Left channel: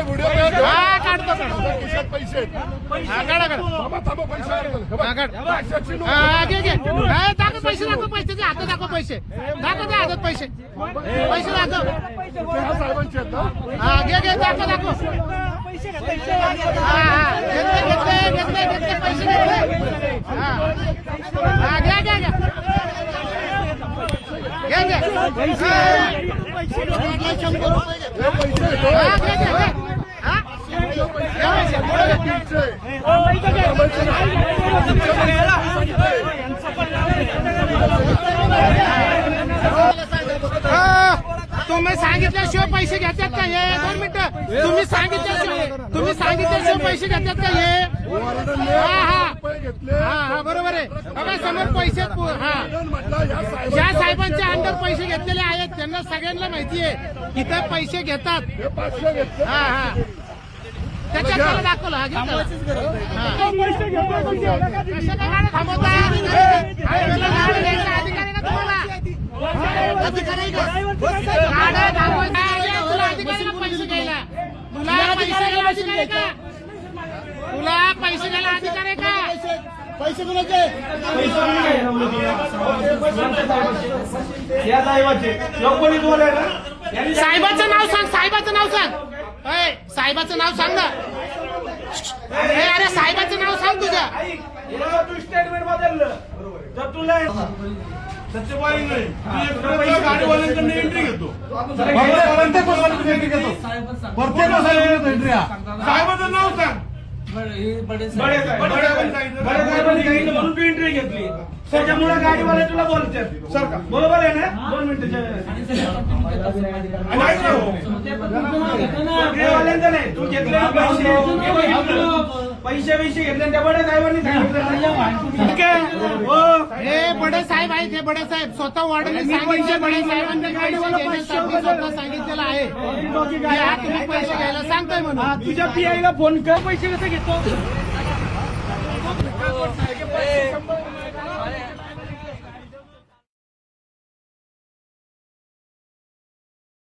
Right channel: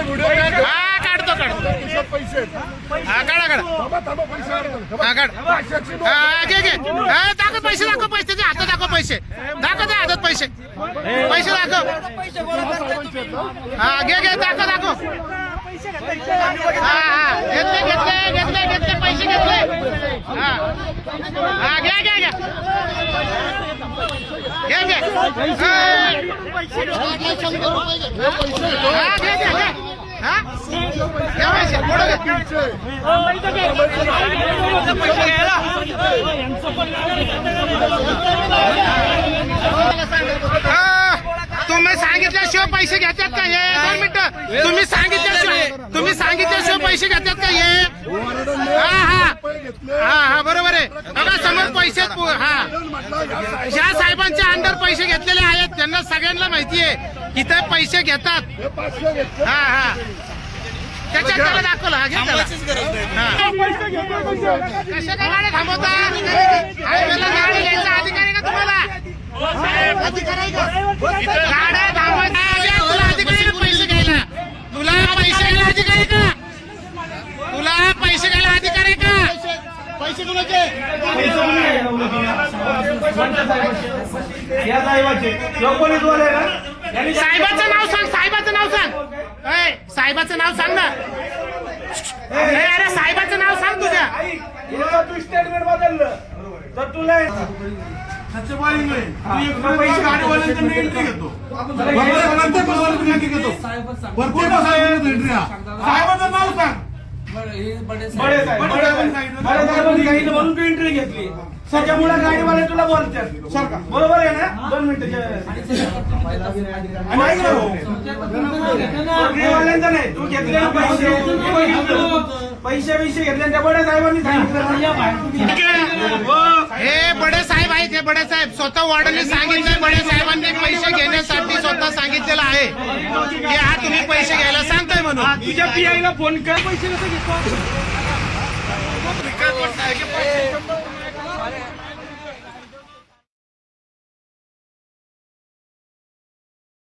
हा काढतो काढतो. पैसे हा काढा काढा. हा घे घे. दाखव पैसे दाखव पैसे. त्याच्या हातात दाखव पैसे. दाखव त्या हातात पैसे. पैसे दाखव. हा घे घे दाखव दाखव. घेतले घेतले घेतले घेतले पैसे घेतले. हा. हा घ्या घ्या घ्या. घे घे. हा. घे घे. तुम्ही सांगितल्याशिवाय पैसे घेतात का हे? दोन मिनिटं. तुम्ही सांगितल्याशिवाय सांगितल्याशिवाय पैसे घेतात का हे? हा हा. हा हा बरोबर आहे. बघा समोर पैसे हा. ज्या साहेबांच्या अंडर पैसे घेतलेले आहेत त्यांना सगळ्यांना माहिती आहे इथे पैसे घेतात. हे हा. हा त्याच्यात त्याला दाखवलं हा घे त्याला. हा. कशा काय गाड्या थांबवता? हायवेला गाडी घ्यायचा अधिकार आहे का तुम्हाला? थांबवायचा अरे, तुला अधिकार आहे का पैसे घ्यायला तुला पैसे घ्यायला अधिकार आहे का तुला पैसे घ्यायला अधिकार आहे का? पैसे कुणाचे? या साहेबाचे. यो पोलीसवाले ना? यांनी साहेबाचं नाव सांग साहेबाचं नाव सांग. अय साहेबाचं नाव सांग ना. अरे अरे साहेबाचं नाव सांग तुझ्या. ऐक, हे जर तू स्टेटमेंट बदललं. तर तुला सत्यवादी नाही तू एक पैसे एंट्री घेतो. म्हणून तू एंट्री घेतली. त्याच्यामुळे गाडीवाले तुला बोलतात. बरोबर आहे ना? दोन मिनिटं गाडीवाल्यांचं नाही. तू घेतले पैसे. हे बघितलं. पैसे पैसे घेतले त्या बड्या साहेबांनी सांगितलं. ठीक आहे. हो. हे बडे साहेब आहेत हे बडे साहेब. स्वतः वॉर्डनने सांगितलंय बडे साहेबांनी पैसे घेण्यासाठी स्वतः सांगितलेलं आहे की हा तुम्ही पैसे घ्यायला सांगताय म्हणून. तुझ्या पीआयला फोन कर पैसे कसे घेतो.